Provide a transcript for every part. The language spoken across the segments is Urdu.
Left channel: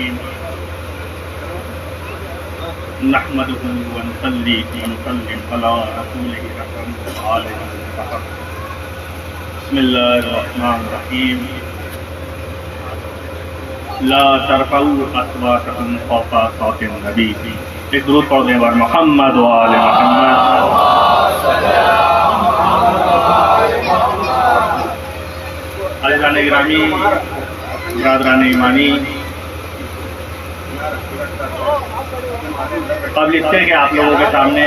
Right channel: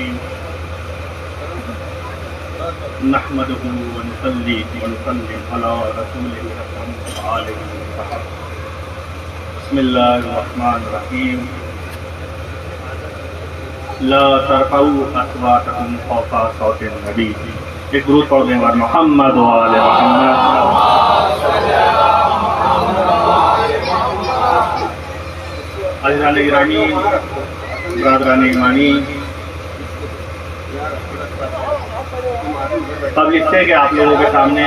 الرحيم نحمده ونصلي ونسلم على رسوله الأكرم وآله المطهر بسم الله الرحمن الرحيم لا ترفعوا أصواتكم فوق صوت النبي ایک درود پڑھ دیں بار محمد و آل محمد. عزیزان گرامی، برادران ایمانی، اب لکھتے ہیں کہ آپ لوگوں کے سامنے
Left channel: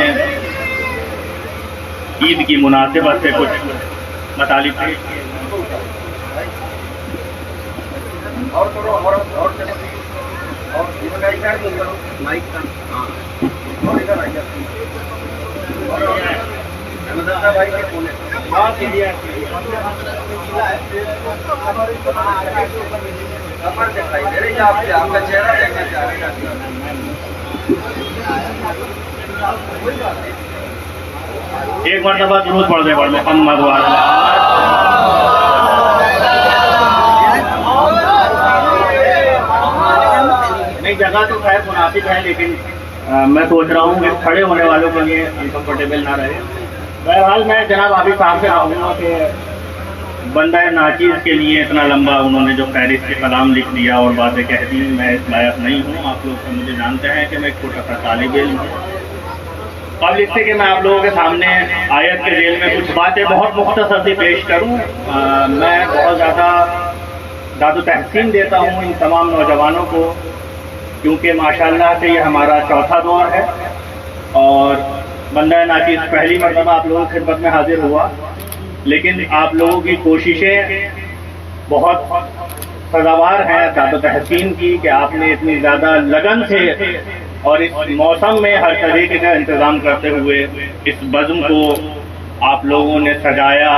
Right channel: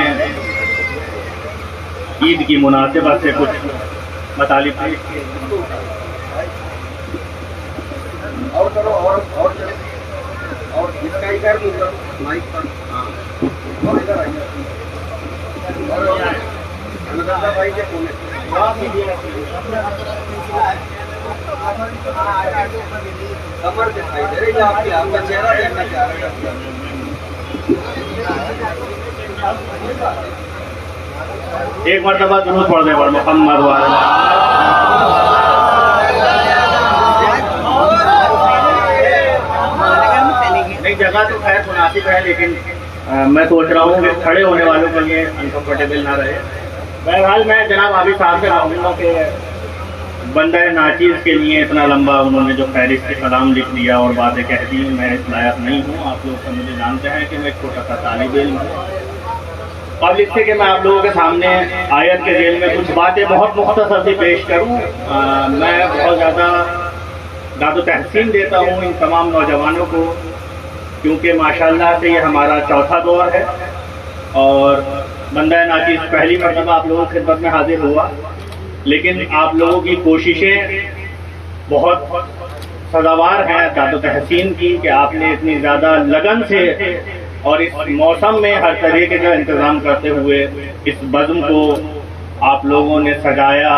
عید کی مناسبت سے کچھ مطالب اور اس کا ادھر مائک کا اور ادھر آئیے احمد اللہ بھائی کے فون ہے کمر دکھائی دے رہی ہے آپ کا چہرہ دیکھنا چاہ رہے ہیں. ایک مرتبہ درود پڑھ دیں محمد والا. نہیں جگہ تو خیر مناسب ہے لیکن میں سوچ رہا ہوں کہ کھڑے ہونے والوں کے لیے انکمفرٹیبل نہ رہے. بہرحال میں جناب عابد صاحب سے کہوں گا کہ بندہ ناچیز کے لیے اتنا لمبا انہوں نے جو فہرست کے کلام لکھ دیا اور باتیں کہہ دی، میں اس لائق نہیں ہوں. آپ لوگ تو مجھے جانتے ہیں کہ میں ایک چھوٹا سا طالب علم ہوں. اب لکھتے کہ میں آپ لوگوں کے سامنے آیت کے ذیل میں کچھ باتیں بہت مختصر سی پیش کروں. میں بہت زیادہ داد و تحسین دیتا ہوں ان تمام نوجوانوں کو، کیونکہ ماشاءاللہ سے یہ ہمارا چوتھا دور ہے اور بندہ ناچیز پہلی مرتبہ آپ لوگوں کی خدمت میں حاضر ہوا، لیکن آپ لوگوں کی کوششیں بہت سزاوار ہیں داد و تحسین کی کہ آپ نے اتنی زیادہ لگن سے اور اس موسم میں ہر طریقے کا انتظام کرتے ہوئے اس بزم کو آپ لوگوں نے سجایا،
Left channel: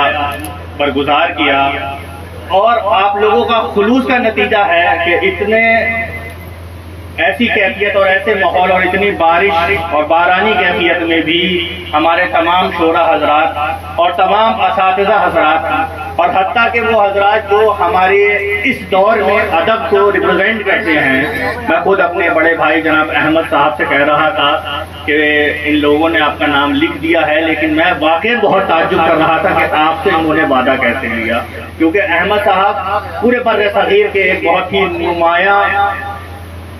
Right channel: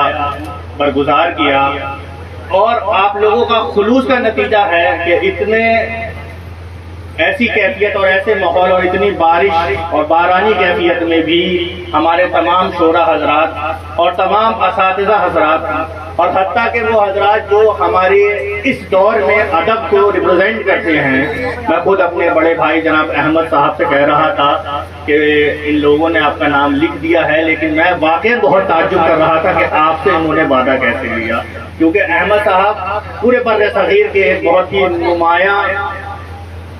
برگزار کیا، اور آپ لوگوں کا خلوص کا نتیجہ ہے کہ اتنے ایسی کیفیت اور ایسے ماحول اور اتنی بارش اور بارانی کیفیت میں بھی ہمارے تمام شورا حضرات اور تمام اساتذہ حضرات اور حتیٰ کہ وہ حضرات جو ہمارے اس دور میں ادب کو ریپرزینٹ کرتے ہیں. میں خود اپنے بڑے بھائی جناب احمد صاحب سے کہہ رہا تھا کہ ان لوگوں نے آپ کا نام لکھ دیا ہے، لیکن میں واقعی بہت تعجب کر رہا تھا کہ آپ سے انہوں نے وعدہ کیسے لیا، کیونکہ احمد صاحب پورے بر صغیر کے ایک بہت ہی نمایاں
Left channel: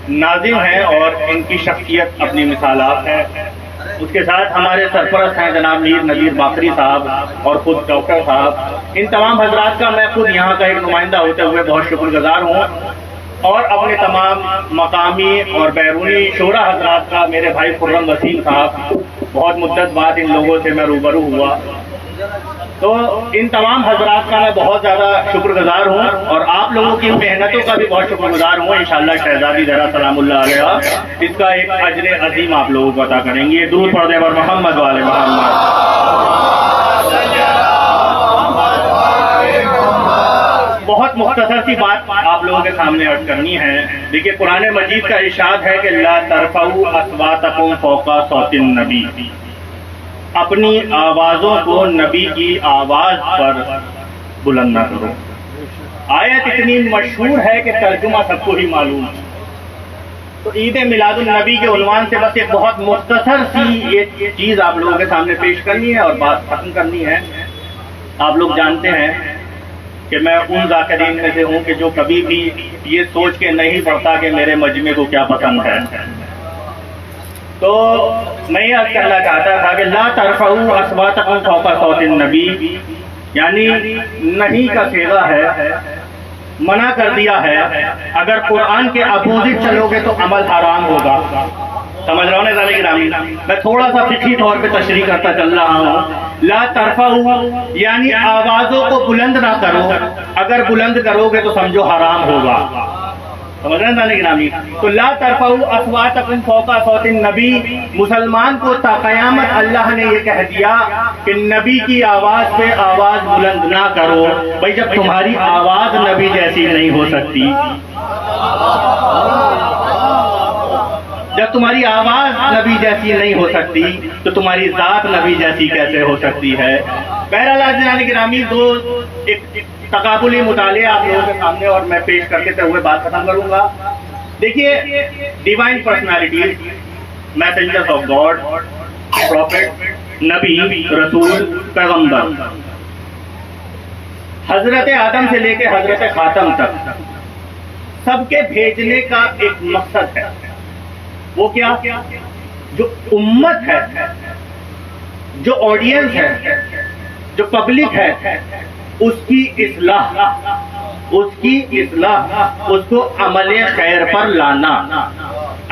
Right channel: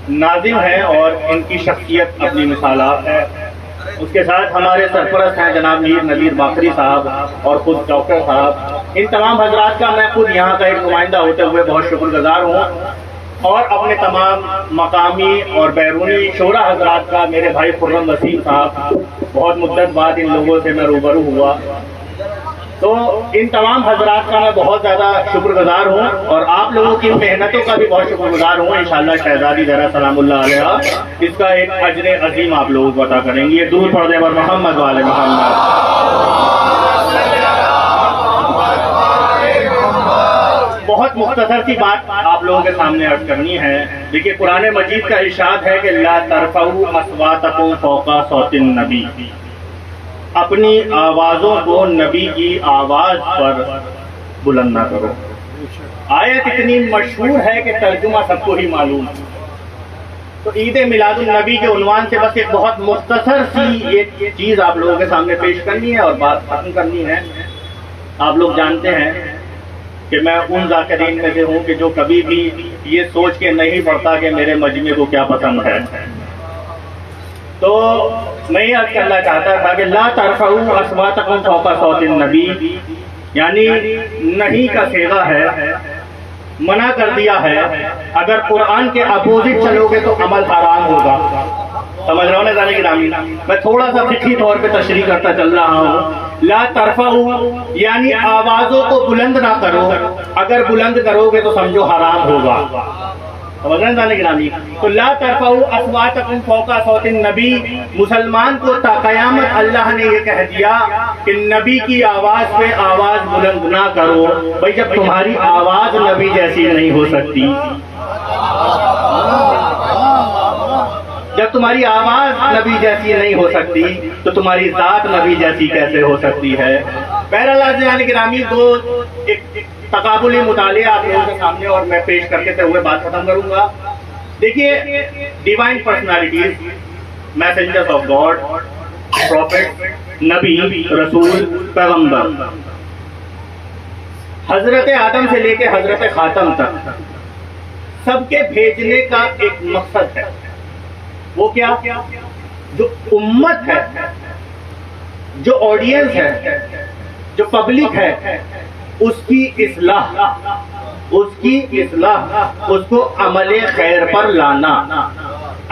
ناظم ہیں اور ان کی شخصیت اپنی مثالات ہے. اس کے ساتھ ہمارے سرپرست ہیں جناب میر نذیر باقری صاحب اور خود ڈاکٹر صاحب. ان تمام حضرات کا میں خود یہاں کا ایک نمائندہ ہوتے ہوئے بہت شکر گزار ہوں، اور اپنے تمام مقامی اور بیرونی شورا حضرات کا. میرے بھائی خرم وسیم صاحب، بہت مدت بعد ان لوگوں سے میں روبرو ہوا، تو ان تمام حضرات کا میں بہت زیادہ شکر گزار ہوں اور آپ لوگوں کی محنتوں کا بھی بہت شکر گزار ہوں. انشاءاللہ شہزادی زہرا سلام اللہ علیہ اس کا ایک اجر عظیم آپ لوگوں کو عطا کریں گے. درود پڑھ دیں اور محمد والے محمد. بہت مختصر سی بات آپ لوگوں کے سامنے عرض کرنی ہے. دیکھیے قرآن مجید کا ارشاد ہے کہ لا ترفعوا اصواتکم فوق صوت النبی، اپنی آوازوں کو نبی کی آواز پر بلند نہ کرو. آیت اتنی مشہور ہے کہ ترجمہ سب کو ہی معلوم ہے. تو عید میلاد النبی کے عنوان سے بس ایک بہت مختصر سی ایک چیز آپ لوگوں کے سامنے پیش کرنی ہے اور بات ختم کرنی ہے. آپ لوگ جانتے ہیں کہ میں ان ذاکرین میں سے ہوں کہ جو کبھی بھی یہ سوچ کے نہیں پڑتا کہ میرے مجمع کو کیا پسند ہے. تو میں یہ عرض کرنا چاہتا تھا کہ لا ترفعوا اصواتکم فوق صوت النبی، یعنی نہیں کا صیغہ ہے، منع کر دیا ہے. اگر قرآن کے اپوزٹ چلو گے تو عمل حرام ہوگا. سمجھ رہا ہوں نا گرامی؟ میں تھوڑا سا فقہی طور پہ تشریح کرتا چل رہا ہوں. لا ترفعوا یعنی آوازوں کو بلند نہ کرو، اگر بلند کرو گے تو سمجھو حرام ہوگا. سمجھ رہے ہیں گرامی؟ تو لا ترفعوا اصواتکم فوق صوت النبی، مسلمان کو تا قیامت اللہ نے یہ کہہ دیا کہ نبی کی آواز پہ آواز بلند نہ کرو. بھائی جب تمہاری آواز نبی جیسی نہیں ہو سکتی، جب تمہاری آواز نبی جیسی نہیں ہو سکتی تو تمہاری ذات نبی جیسی کیسے ہو سکتی ہے؟ بہرحال گرامی دو ایک تقابلی مطالعہ آپ لوگوں کے سامنے اور میں پیش کرتے ہوئے بات ختم کروں گا. دیکھیے divine personalities, messengers of God, prophet, نبی، رسول، پیغمبر، حضرت آدم سے لے کے حضرت خاتم تک سب کے بھیجنے کا ایک مقصد ہے. وہ کیا؟ جو امت ہے، جو آڈینس ہے، جو پبلک ہے، اس کی اصلاح، اس کو عمل خیر پر لانا.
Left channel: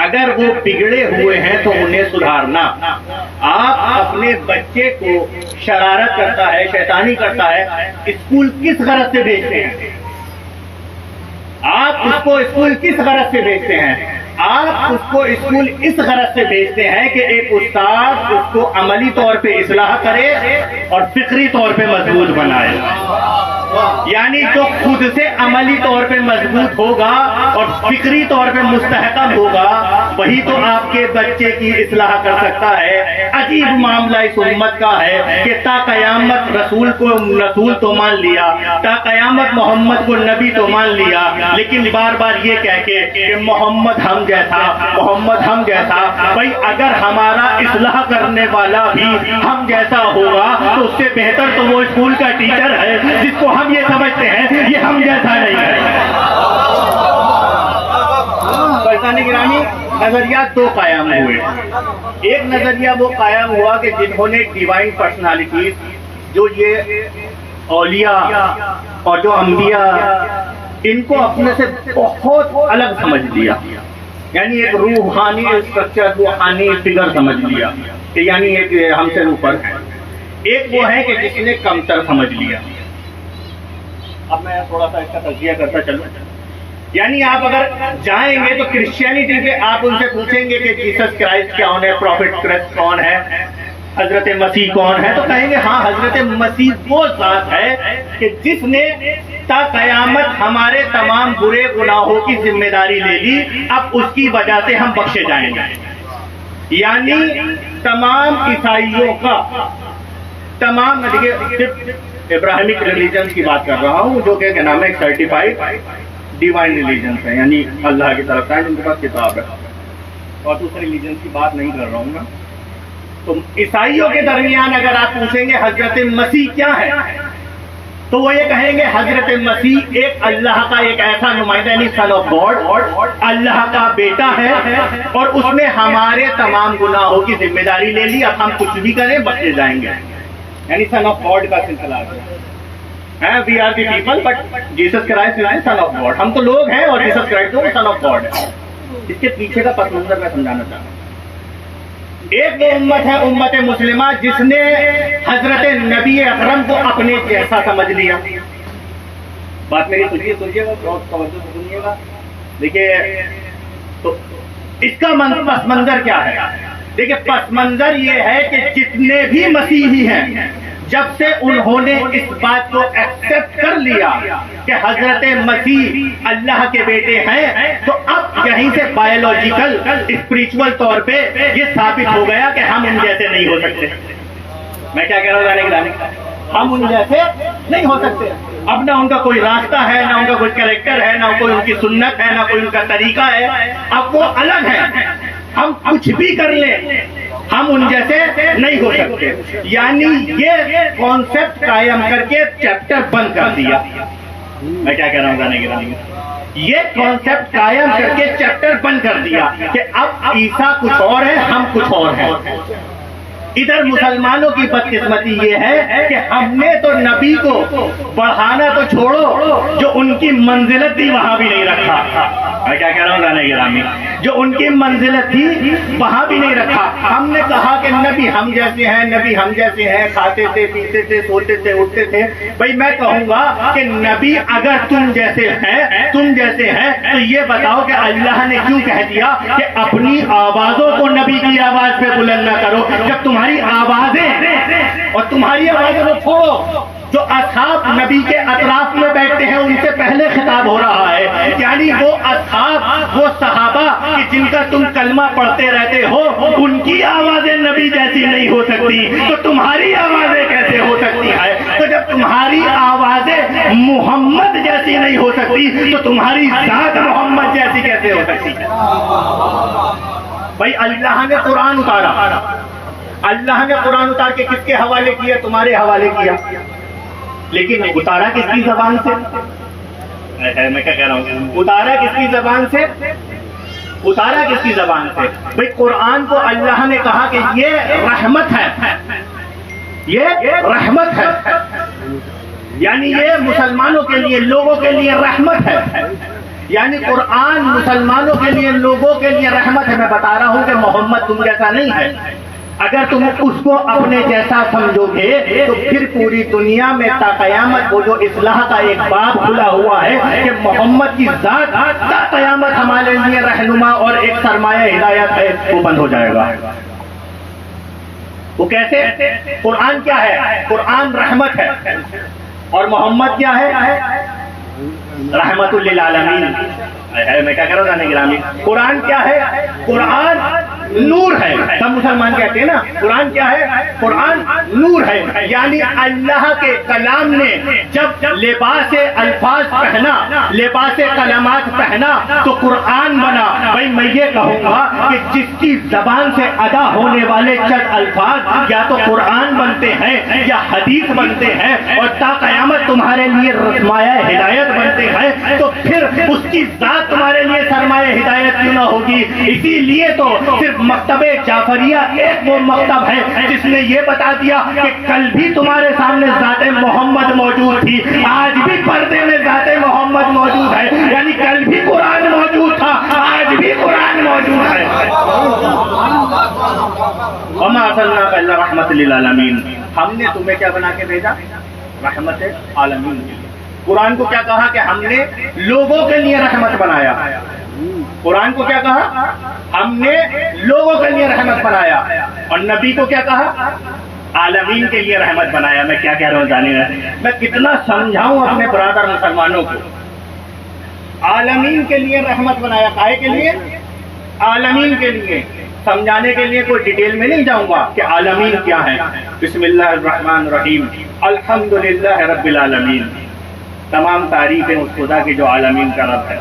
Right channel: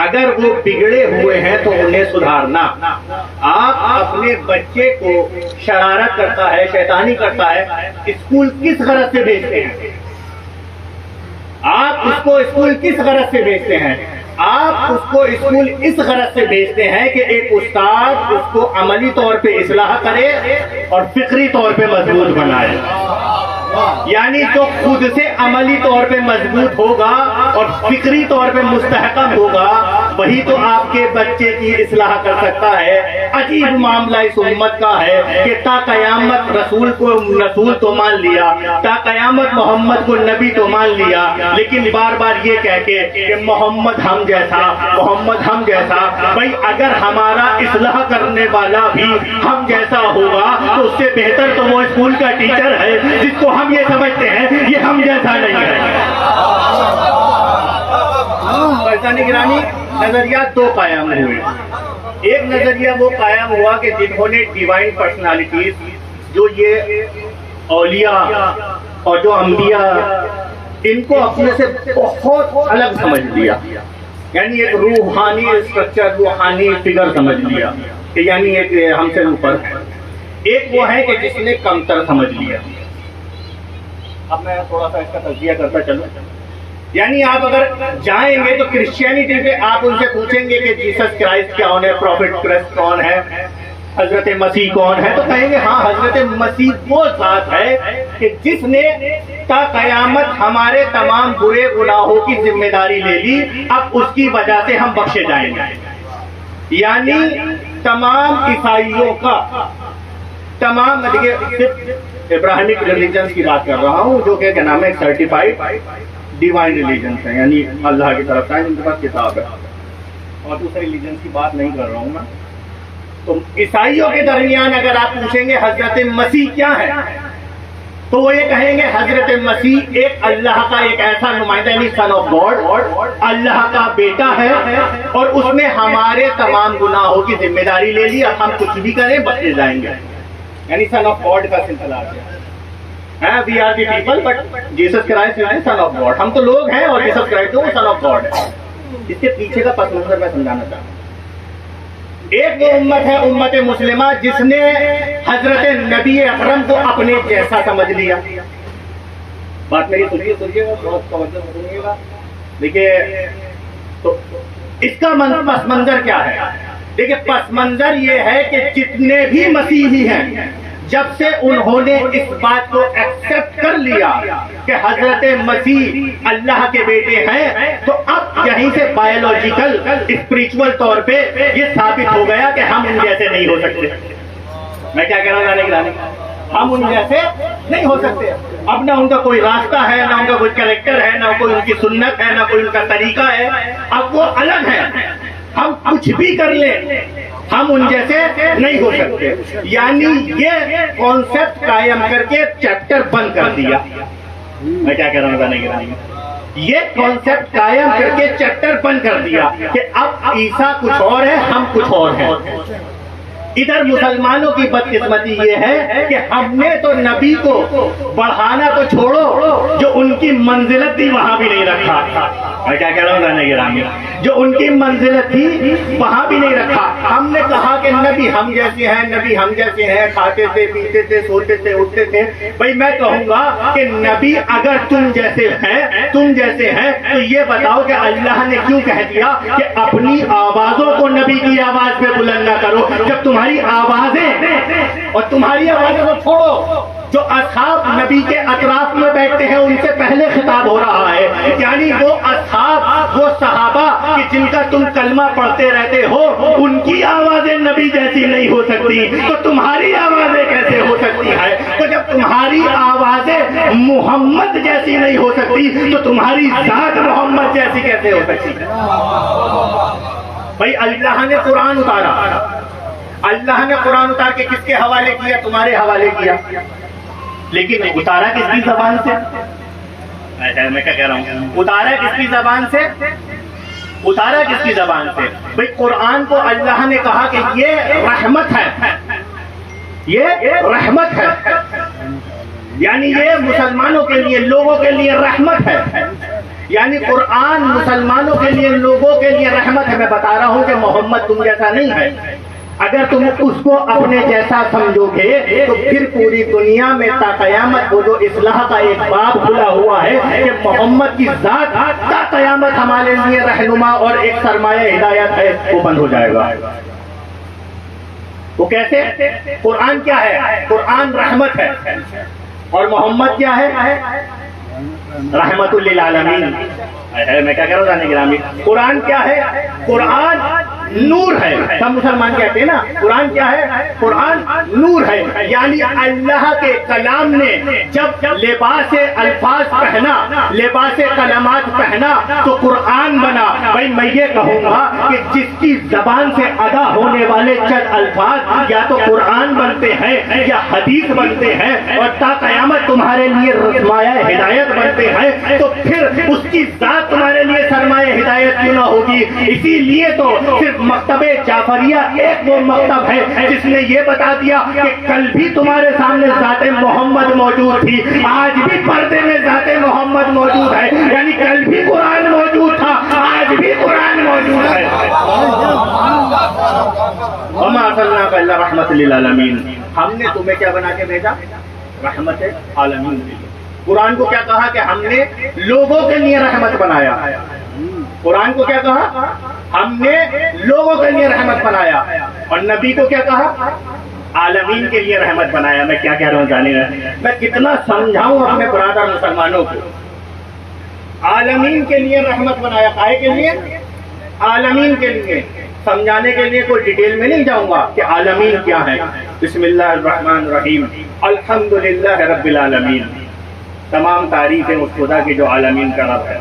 اگر وہ بگڑے ہوئے ہیں تو انہیں سدھارنا. آپ اپنے بچے کو شرارت کرتا ہے، شیطانی کرتا ہے، اسکول کس غرض سے بھیجتے ہیں؟ آپ اس کو اسکول کس غرض سے بھیجتے ہیں؟ آپ اس کو اسکول اس غرض سے بھیجتے ہیں کہ ایک استاد اس کو عملی طور پہ اصلاح کرے اور فکری طور پہ مضبوط بنائے. یعنی جو خود سے عملی طور پہ مضبوط ہوگا اور فکری طور پہ مستحکم ہوگا، وہی تو آپ کے بچے کی اصلاح کر سکتا ہے. عجیب معاملہ اس امت کا ہے کہ تا قیامت رسول تو مان لیا، تا قیامت محمد کو نبی تو مان لیا، لیکن بار بار یہ کہہ کے کہ محمد ہم جیسا. بھائی اگر ہمارا اصلاح کرنے والا بھی ہم جیسا ہوگا تو اس سے بہتر تو وہ اسکول کا ٹیچر ہے جس کو ہم یہ سمجھتے ہیں یہ ہم جیسا نہیں ہے. برسانی گرامی، نظریات دو قائم ہوئے. ایک نظریہ وہ قائم ہوا کہ جنہوں نے ڈیوائن پرسنالٹیز، جو یہ اولیاء اور جو انبیاء، ان کو اپنے سے بہت الگ سمجھ لیا، یعنی ایک روحانی اسٹرکچر، روحانی فگر سمجھ لیا کہ یعنی ایک ہم سے اوپر ہے. ایک وہ ہے کہ جس نے کمتر سمجھ لیا. اب میں تھوڑا سا اس کا تجزیہ کرتا چلوں. یعنی آپ اگر جائیں گے تو کرسچینٹی پہ آپ ان سے پوچھیں گے کہ جیسس کرائسٹ کون ہے، پروفٹ کرائسٹ کون ہے، حضرت مسیح کون ہے، تو کہیں گے ہاں حضرت مسیح وہ ذات ہے کہ جس نے تا قیامت ہمارے تمام برے گناہوں کی ذمہ داری لے لی، اب اس کی وجہ سے ہم بخشے جائیں گے. یعنی تمام عیسائیوں کا، تمام ابراہیمک ریلیجنس کی بات کر رہا ہوں، جو کہ نام ہے سرٹیفائڈ ڈیوائن ریلیجنس ہے، یعنی اللہ کی طرف سے جن کے پاس کتاب ہے، اور دوسرے ریلیجنس کی بات نہیں کر رہا ہوں میں. تو عیسائیوں کے درمیان اگر آپ پوچھیں گے حضرت مسیح کیا ہے، تو وہ یہ کہیں گے حضرت مسیح ایک اللہ کا ایک ایسا نمائندہ، یعنی سن آف گاڈ، اللہ کا بیٹا ہے، اور اس نے ہمارے تمام گناہوں کی ذمہ داری لے لی، اب ہم کچھ بھی کریں بخشے جائیں گے. یعنی سن آف گاڈ کا سلسلہ ہے. We are the people but Jesus Christ is son of God. ہم تو لوگ ہیں اور جیسس کرائسٹ وہ سن آف گاڈ ہے. اس کے پیچھے کا پس منظر میں سمجھانا چاہتا ہوں. ایک وہ امت ہے امت مسلمہ جس نے حضرت نبی اکرم کو اپنے جیسا سمجھ لیا. بات میری سنیے گا، بہت توجہ سے سنیے گا. دیکھیے تو اس کا پس منظر کیا ہے؟ دیکھیے پس منظر یہ ہے کہ جتنے بھی مسیحی ہیں، جب سے انہوں نے اس بات کو ایکسپٹ کر لیا کہ حضرت مسیح اللہ کے بیٹے ہیں، تو اب یہیں سے بایولوجیکل اسپریچول طور پہ یہ ثابت ہو گیا کہ ہم ان جیسے نہیں ہو سکتے. میں کیا کہہ رہا ہوں؟ ہم ان جیسے نہیں ہو سکتے. اب نہ ان کا کوئی راستہ ہے، نہ ان کا کوئی کریکٹر ہے، نہ کوئی ان کی سنت ہے، نہ کوئی ان کا طریقہ ہے. اب وہ الگ ہے. ہم کچھ بھی کر لیں ہم ان جیسے نہیں ہو سکتے. یعنی یہ کانسیپٹ قائم کر کے چیپٹر بند کر دیا. میں کیا کہہ رہا ہوں؟ یہ کانسیپٹ قائم کر کے چیپٹر بند کر دیا کہ اب عیسیٰ کچھ اور ہے، ہم کچھ اور ہیں. ادھر مسلمانوں کی بدقسمتی یہ ہے کہ ہم نے تو نبی کو بڑھانا تو چھوڑو، جو ان کی منزلت تھی وہاں بھی نہیں رکھا. میں کیا کہہ رہا ہوں نانا گرامی؟ جو ان کی منزلت تھی وہاں بھی نہیں رکھا. ہم نے کہا کہ نبی ہم جیسے ہیں، نبی ہم جیسے ہیں، کھاتے تھے، پیتے تھے، سوتے تھے، اٹھتے تھے. بھائی میں کہوں گا کہ نبی اگر تم جیسے ہیں تو یہ بتاؤ کہ اللہ نے کیوں کہہ دیا کہ اپنی آوازوں کو نبی کی آواز پہ بلند نہ کرو، جب تمہاری آوازیں اور تمہاری آوازیں کو چھوڑو. جو اصحاب نبی کے اطراف میں بیٹھتے ہیں ان سے پہلے خطاب ہو رہا ہے. یعنی وہ اصحاب، وہ صحابہ کہ جن کا تم کلمہ پڑھتے رہتے ہو، ان کی آوازیں نبی جیسی نہیں ہو سکتی، تو تمہاری آوازیں کیسے ہو سکتی ہے؟ تو جب تمہاری آوازیں محمد جیسی نہیں ہو سکتی تو تمہاری ذات محمد جیسی کیسے ہو سکتی ہے؟ بھائی اللہ نے قرآن اتارا، اللہ نے قرآن اتار کے کس کے حوالے کیا؟ تمہارے حوالے کیا، لیکن اتارا کس کی زبان سے؟ میں کیا کہہ رہا ہوں، اتارا کس کی زبان سے؟ اتارا کس کی زبان سے؟ بھئی قرآن کو اللہ نے کہا کہ یہ رحمت ہے، یہ رحمت ہے، یعنی یہ مسلمانوں کے لیے، لوگوں کے لیے رحمت ہے، یعنی قرآن مسلمانوں کے لیے، لوگوں کے لیے رحمت ہے۔ میں بتا رہا ہوں کہ محمد تم جیسا نہیں ہے، اگر تم اس کو اپنے جیسا سمجھو گے تو پھر پوری دنیا میں تا قیامت وہ جو اصلاح کا ایک باب کھلا ہوا ہے کہ محمد کی ذات تا قیامت ہمارے لیے رہنما اور ایک سرمایہ ہدایت ہے، وہ بند ہو جائے گا۔ وہ کیسے؟ قرآن کیا ہے؟ قرآن رحمت ہے، اور محمد کیا ہے؟ رحمت للعالمین۔ میں کیا کر رہا ہوں گرامی؟ قرآن کیا ہے؟ قرآن نور ہے۔ سب مسلمان کہتے ہیں نا قرآن کیا ہے؟ قرآن نور ہے، یعنی اللہ کے کلام نے جب لباس الفاظ پہنا، لباس کلمات پہنا تو قرآن بنا۔ بھائی میں یہ کہوں گا کہ جس کی زبان سے ادا ہونے والے چند الفاظ یا تو قرآن بنتے ہیں یا حدیث بنتے ہیں اور تا قیامت تمہارے لیے سرمایہ ہدایت بنتے ہیں، تو پھر اس کی ذات تمہارے لیے سرمایہ ہدایت کیوں نہ ہوگی؟ اسی لیے تو صرف مکتب جعفریہ ایک وہ مکتب ہے جس نے یہ بتا دیا کہ کل بھی تمہارے سامنے ذات محمد موجود تھی، آج بھی پردے میں ذات محمد موجود ہے، یعنی کل بھی قرآن موجود تھا، آج بھی قرآن موجود ہے۔ وما ارسلناک الا رحمۃ للعالمین، ہم نے تمہیں کیا بنا کے بھیجا؟ رحمت عالمین کے لیے۔ قرآن کو کیا کہا کہ ہم نے لوگوں کے لیے رحمت بنایا؟ قرآن کو کیا کہا؟ ہم نے لوگوں کے لیے رحمت بنایا، اور نبی کو کیا کہا؟ عالمین کے لیے رحمت بنایا۔ میں کیا کہہ رہا ہوں جانے میں کتنا سمجھاؤں اپنے برادر مسلمانوں کو؟ عالمین کے لیے رحمت بنایا، کائے کے لیے؟ عالمین کے لیے۔ سمجھانے کے لیے کوئی ڈیٹیل میں نہیں جاؤں گا کہ عالمین کیا ہے۔ بسم اللہ الرحمن الرحیم، الحمدللہ رب العالمین، تمام تعریفیں اس خدا کی جو عالمین کا رب ہے۔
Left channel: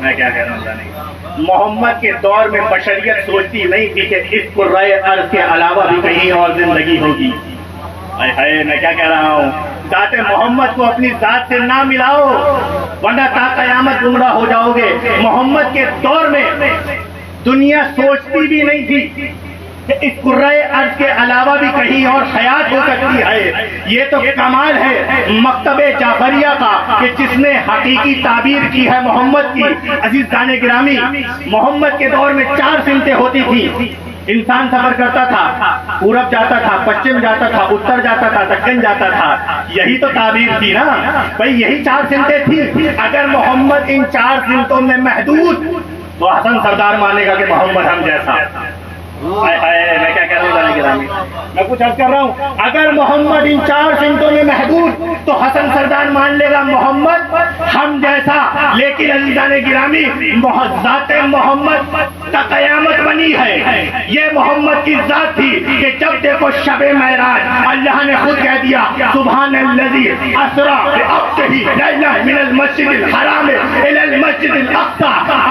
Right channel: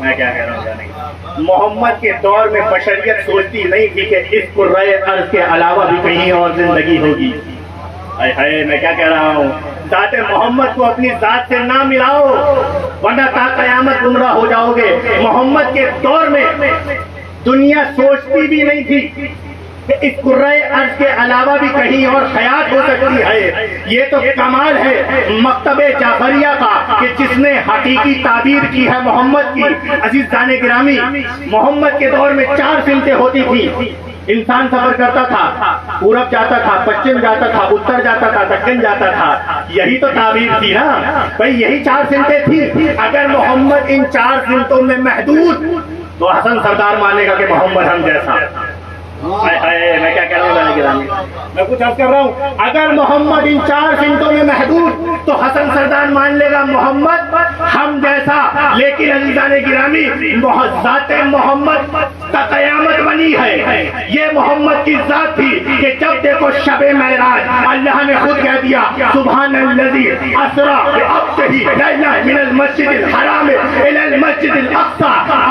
میں کیا کہہ رہا ہوں، محمد کے دور میں بشریت سوچتی نہیں تھی کہ اس قرۂ ارض کے علاوہ بھی کہیں اور زندگی ہوگی۔ میں کیا کہہ رہا ہوں، ذات محمد کو اپنی ذات سے نہ ملاؤ ورنہ تا قیامت گمراہ ہو جاؤ گے۔ محمد کے دور میں دنیا سوچتی بھی نہیں تھی کہ اس قرۂ ارض کے علاوہ بھی کہیں اور حیات ہو سکتی ہے۔ یہ تو کمال ہے مکتب جعفریہ کا کہ جس نے حقیقی تعبیر کی ہے محمد کی۔ عزیزان گرامی، محمد کے دور میں 4 سمتیں ہوتی تھی۔ انسان سفر کرتا تھا، پورب جاتا تھا، پچھم جاتا تھا، اتر جاتا تھا، دکن جاتا تھا، یہی تو تعبیر تھی نا بھائی، یہی 4 سمتیں تھی۔ اگر محمد ان 4 سمتوں میں محدود تو حسن سردار مانے گا کہ محمد ہم جیسا۔ میں کیا کہہ رہا ہوں، میں کچھ عرض کر رہا ہوں، اگر محمد ان 4 سمتوں میں محدود تو حسن سردار مان لے گا محمد ہم جیسا۔ لیکن عزیزان گرامی، ذات محمد تا قیامت بنی ہے۔ یہ محمد کی ذات تھی کہ جب دیکھو شب معراج اللہ نے خود کہہ دیا سبحان الذی اسریٰ بعبدہ لیلا من المسجد الحرام الی المسجد الاقصی۔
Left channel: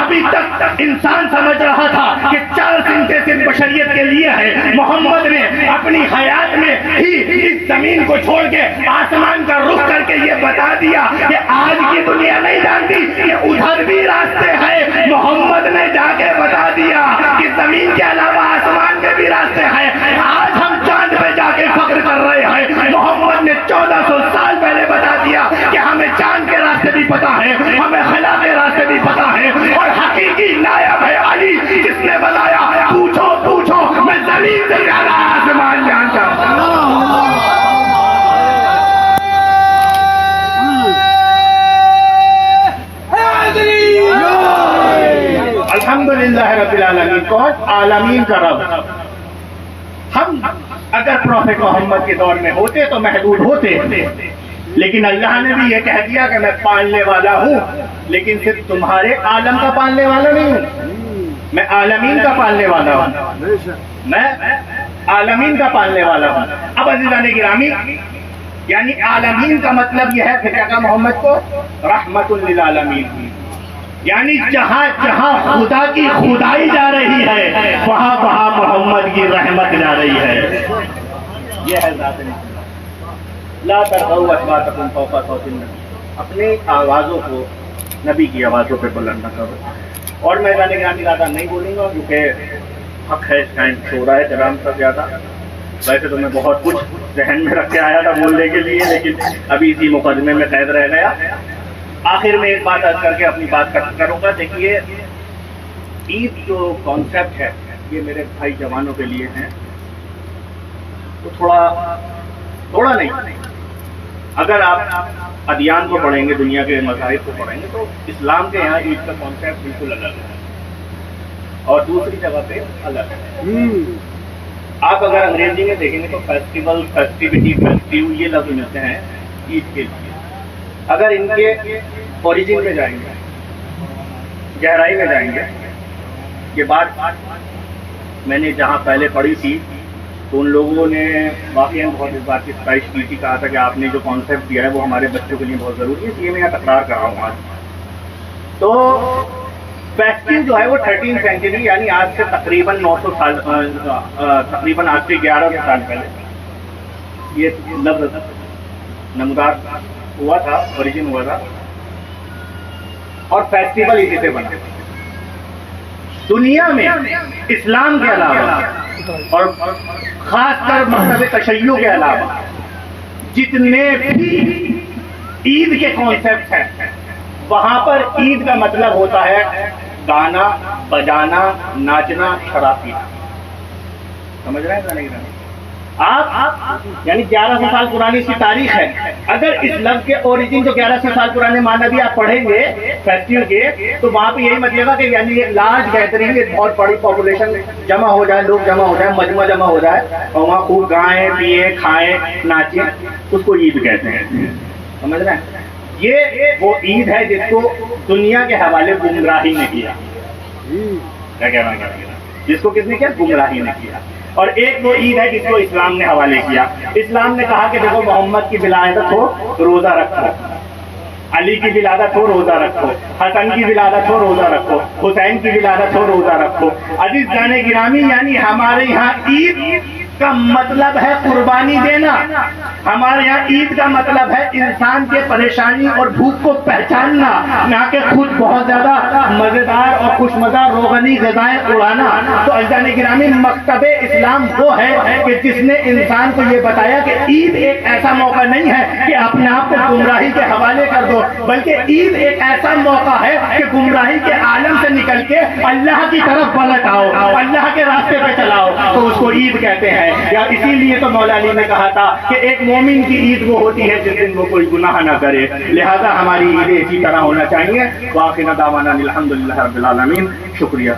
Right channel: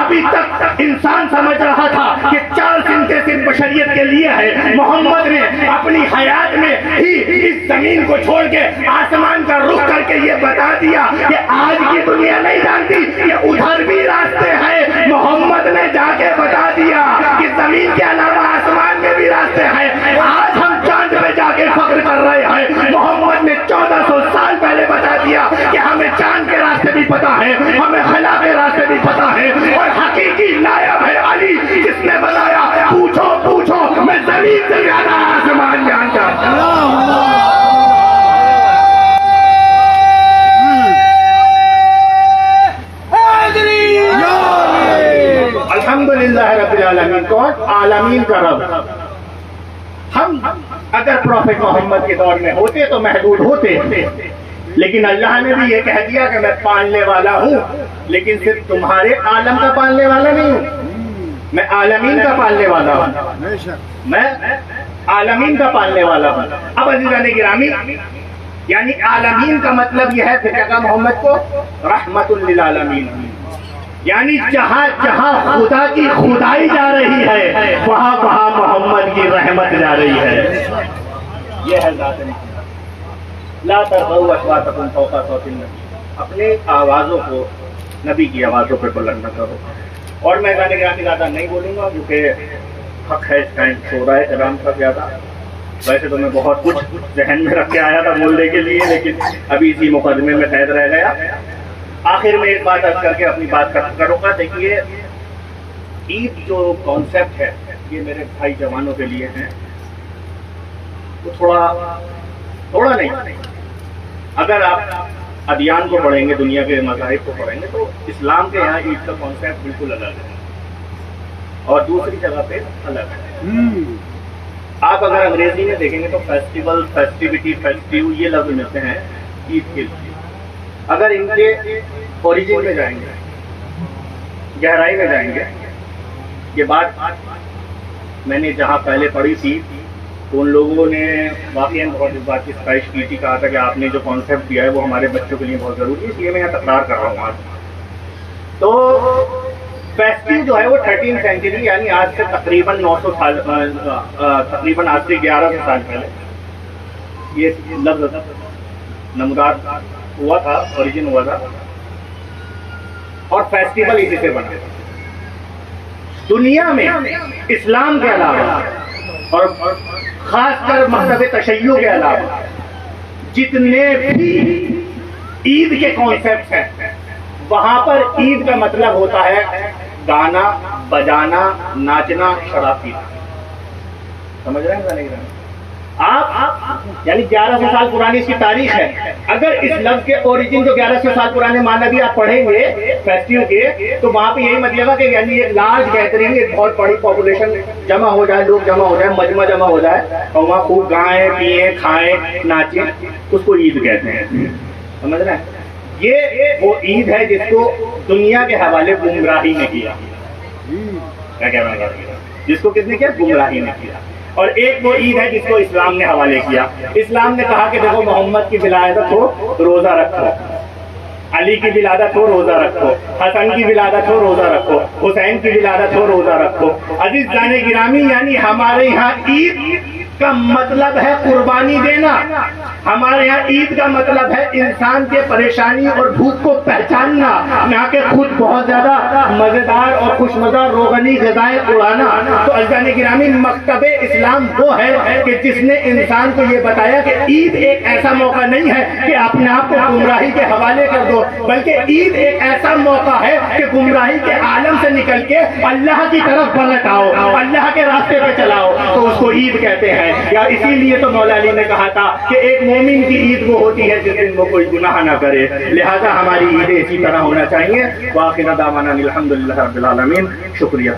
ابھی تک انسان سمجھ رہا تھا کہ 4 سمتیں صرف بشریت کے لیے ہے۔ محمد نے اپنی حیات میں ہی اس زمین کو چھوڑ کے آسمان کا رخ کر کے یہ بتا دیا کہ آج کی دنیا نہیں جانتی کہ ادھر بھی راستے ہیں۔ محمد نے جا کے بتا دیا کہ زمین کے علاوہ آسمان میں بھی راستے ہیں۔ آج ہم چاند پہ جا کے فخر کر رہے ہیں۔ محمد نے 1400 سال پہلے بتا دیا کہ ہمیں چاند کے راستے بھی پتا ہے، ہمیں خلا کے راستے بھی پتا ہے، اور حقیقی نائب ہے علی جس نے بتایا پوچھو پوچھو میں زمین سے زیادہ آسمان جانتا ہوں۔ الحمدللہ رب العالمین، کون؟ عالمین کا رب۔ ہم اگر پروفیٹ محمد کے دور میں ہوتے تو محدود ہوتے، لیکن اللہ نے بھی یہ کہہ دیا کہ میں پالنے والا ہوں، لیکن صرف تمہارے عالم کا پالنے والا نہیں ہوں، میں عالمین کا پالنے والا ہوں، میں عالمین کا پالنے والا ہوں۔ اب عزیزان گرامی، یعنی عالمین کا مطلب یہ ہے، پھر کیا کہا محمد کو؟ رحمت للعالمین، یعنی جہاں جہاں خدا کی خدائی جا رہی ہے وہاں وہاں محمد کی رحمت جا رہی ہے۔ یہ ہے ذات محمد۔ لا ترفعوا اصواتکم فوق صوت النبی، اپنی آوازوں کو نبی کی آوازوں پہ بلند نہ کرو۔ اور میں جانے گرامی زیادہ نہیں بولوں گا کیونکہ حق ہے، اس ٹائم سو رہا ہے کرام کا زیادہ۔ ویسے تو میں بہت کچھ ذہن میں رکھ کے آیا تھا بولنے کے لیے، لیکن ابھی اسی مقدمے میں قید رہ گیا۔ آخر میں ایک بات عرض کر کے اپنی بات ختم کروں گا۔ دیکھیے، عید جو کانسیپٹ ہے یہ میرے بھائی جوانوں کے لیے ہیں، وہ تھوڑا نہیں، اگر آپ ادیان کو پڑھیں گے، دنیا کے مذاہب کو پڑھیں گے، تو اسلام کے یہاں عید کا کانسیپٹ بالکل الگ ہے اور دوسری جگہ پہ الگ ہے۔ آپ اگر انگریزی میں دیکھیں گے تو فیسٹیول، فیسٹیوٹی، فیسٹیو یہ لفظ ملتے ہیں عید کے لیے۔ اگر ان کے اوریجن میں جائیں گے، گہرائی میں جائیں گے، یہ بات میں نے جہاں پہلے پڑھی تھی تو ان لوگوں نے واقعی بہت اس بات کی ستائش کی تھی، کہا تھا کہ آپ نے جو کانسیپٹ دیا ہے وہ ہمارے بچوں کے لیے بہت ضروری ہے، اس لیے میں یہاں تکرار کر رہا ہوں آج۔ تو فیسٹیو جو ہے وہ 13 سینچری، یعنی آج سے تقریباً 900 سال، تقریباً آج سے 1100 سال پہلے یہ لفظ نمودار ہوا تھا، اوریجن ہوا تھا، اور فیسٹیول اسی سے بنا۔ دنیا میں اسلام کے علاوہ اور خاص کر مذہب تشیع کے علاوہ جتنے بھی عید کے کانسیپٹ ہیں، وہاں پر عید کا مطلب ہوتا ہے گانا بجانا، ناچنا، شراب پینا۔ سمجھ رہے ہیں آپ؟ یعنی 1100 سال پرانی اس کی تاریخ ہے۔ اگر اس لفظ کے اوریجن جو 1100 سال پرانے معنی بھی آپ پڑھیں گے فیسٹیو کے، تو وہاں پہ یہی مطلب ہے کہ یعنی ایک لارج گیدرنگ، ایک بہت بڑی پاپولیشن جمع ہو جائے، لوگ جمع ہو جائے، مجمع جمع ہو جائے اور وہاں خوب گائیں، پیئیں، کھائیں، ناچیں، اس کو عید کہتے ہیں۔ سمجھ رہے ہیں؟ یہ وہ عید ہے جس کو دنیا کے حوالے گمراہی نے کیا۔ کیا کہنا ہے؟ جس کو کس نے کیا؟ گمراہی نے کیا۔ اور ایک وہ عید ہے جس کو اسلام نے حوالے کیا۔ اسلام نے کہا کہ دیکھو محمد کی ولادت ہو تو روزہ رکھو، علی کی ولادت ہو روزہ رکھو، حسن کی ولادت ہو روزہ رکھو، حسین کی ولادت ہو روزہ رکھو۔ عزیز جان گرامی، یعنی ہمارے یہاں عید کا مطلب ہے قربانی دینا۔ ہمارے یہاں عید کا مطلب ہے انسان کے پریشانی اور بھوک کو پہچاننا، نہ کہ خود بہت زیادہ مزیدار اور خوش مزہ روغنی غذائیں اڑانا۔ تو عزیزان گرامی، مکتب اسلام وہ ہے کہ جس نے انسان کو یہ بتایا کہ عید ایک ایسا موقع نہیں ہے کہ اپنے آپ کو گمراہی کے حوالے کر دو، بلکہ عید ایک ایسا موقع ہے کہ گمراہی کے عالم سے نکل کے اللہ کی طرف پلٹ آؤ، اللہ کے راستے پہ چلاؤ، تو اس کو عید کہتے ہیں۔ یا اسی لیے تو مولا علی نے کہا تھا کہ ایک مومن کی عید وہ ہوتی ہے جس دن وہ کوئی گناہ نہ کرے، لہذا ہماری عیدیں اسی طرح ہونا چاہیے۔ وآخر دعوانا الحمدللہ رب العالمین۔ شکریہ۔